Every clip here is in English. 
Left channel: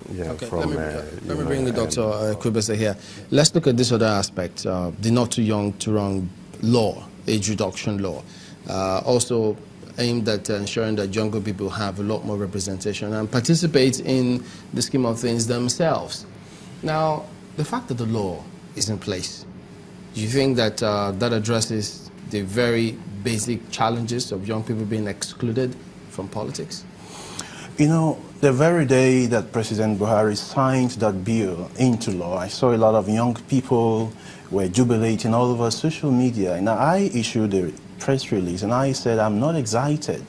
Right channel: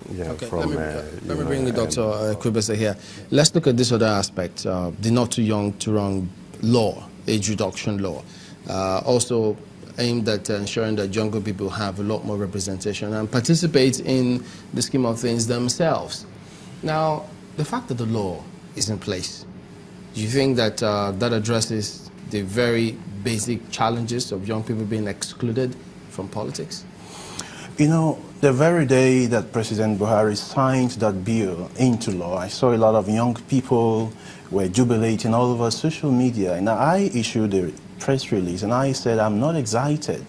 Yeah, Okay, from, let me bring the Dr. Ikubese here. Let's look at this other aspect, the not too young to run law, age reduction law, also aimed at ensuring that younger people have a lot more representation and participate in the scheme of things themselves. Now, the fact that the law is in place, do you think that that addresses the very basic challenges of young people being excluded from politics? You know, the very day that President Buhari signed that bill into law, I saw a lot of young people were jubilating all over social media. And I issued a press release and I said, I'm not excited.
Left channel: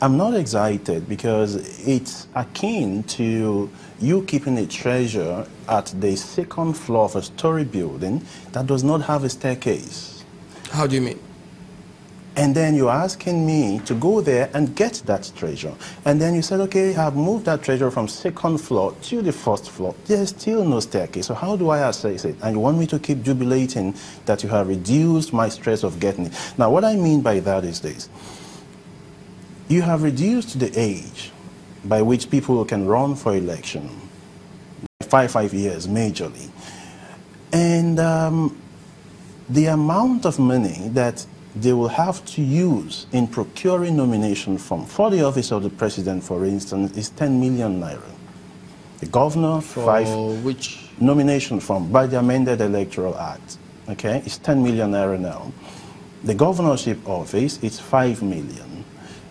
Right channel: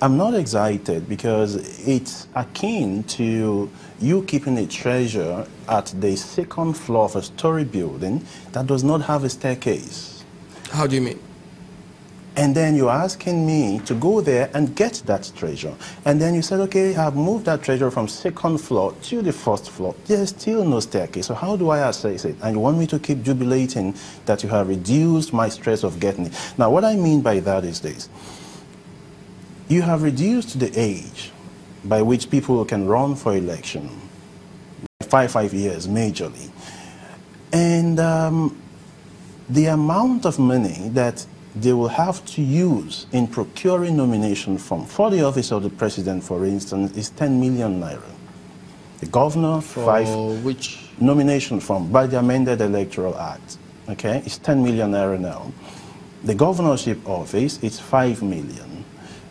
I'm not excited because it's akin to you keeping a treasure at the second floor of a story building that does not have a staircase. How do you mean? And then you're asking me to go there and get that treasure. And then you said, okay, I've moved that treasure from second floor to the first floor. There's still no staircase. So how do I access it? And you want me to keep jubilating that you have reduced my stress of getting it. Now, what I mean by that is this. You have reduced the age by which people can run for election. 5 years, majorly. And the amount of money that they will have to use in procuring nomination form for the office of the president, for instance, is 10 million naira. The governor, for which nomination form by the amended Electoral Act, okay, it's 10 million naira now. The governorship office is 5 million.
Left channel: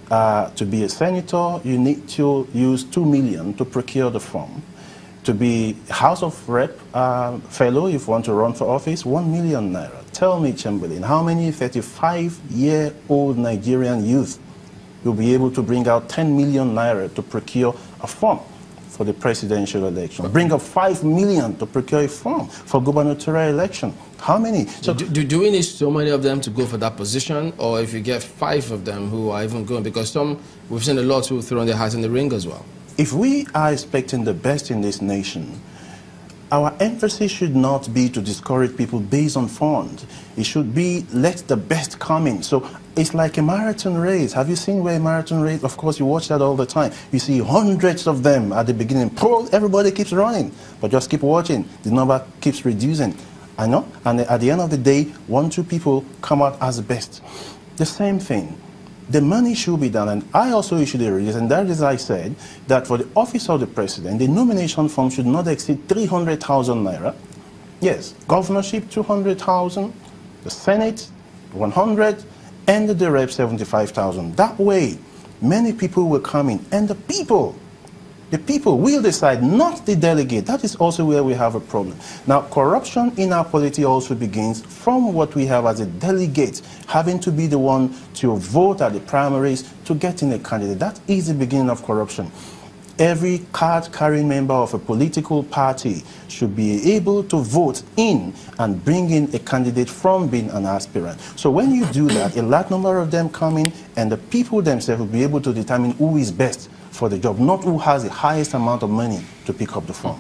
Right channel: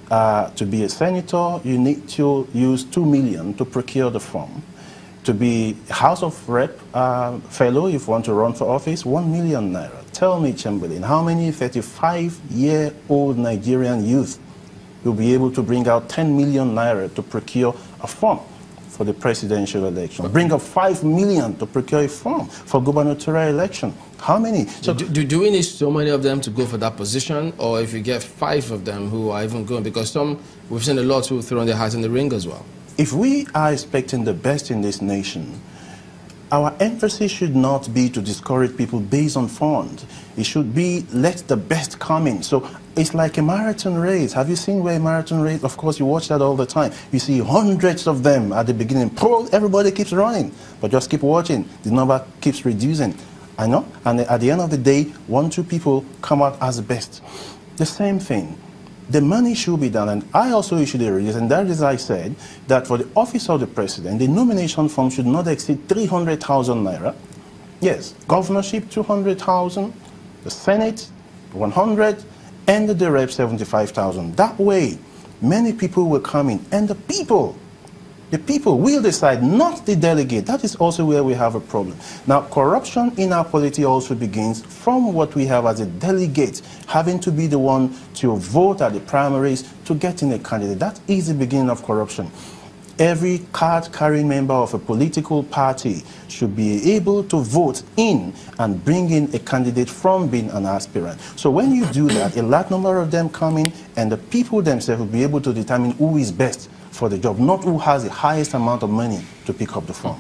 To be a senator, you need to use 2 million to procure the form. To be House of Rep fellow, if you want to run for office, 1 million naira. Tell me, Chamberlain, how many 35-year-old Nigerian youth will be able to bring out 10 million naira to procure a form for the presidential election? Bring up 5 million to procure a form for gubernatorial election. How many? So do we need so many of them to go for that position, or if you get 5 of them who are even going? Because we've seen a lot who throw their hats in the ring as well. If we are expecting the best in this nation, our emphasis should not be to discourage people based on funds. It should be, let the best come in. So it's like a marathon race. Have you seen where a marathon race? Of course, you watch that all the time. You see hundreds of them at the beginning. Everybody keeps running, but just keep watching. The number keeps reducing. I know. And at the end of the day, 1, 2 people come out as the best. The same thing. The money should be done, and I also issued a release, and that is, I said, that for the office of the president, the nomination form should not exceed 300,000 naira. Yes, governorship 200,000, the Senate 100, and the rep 75,000. That way, many people will come in, and the people will decide, not the delegate. That is also where we have a problem. Now, corruption in our polity also begins from what we have as a delegate, having to be the one to vote at the primaries to get in a candidate. That is the beginning of corruption. Every card-carrying member of a political party should be able to vote in and bring in a candidate from being an aspirant. So when you do that, a large number of them come in, and the people themselves will be able to determine who is best for the job, not who has the highest amount of money to pick up the phone.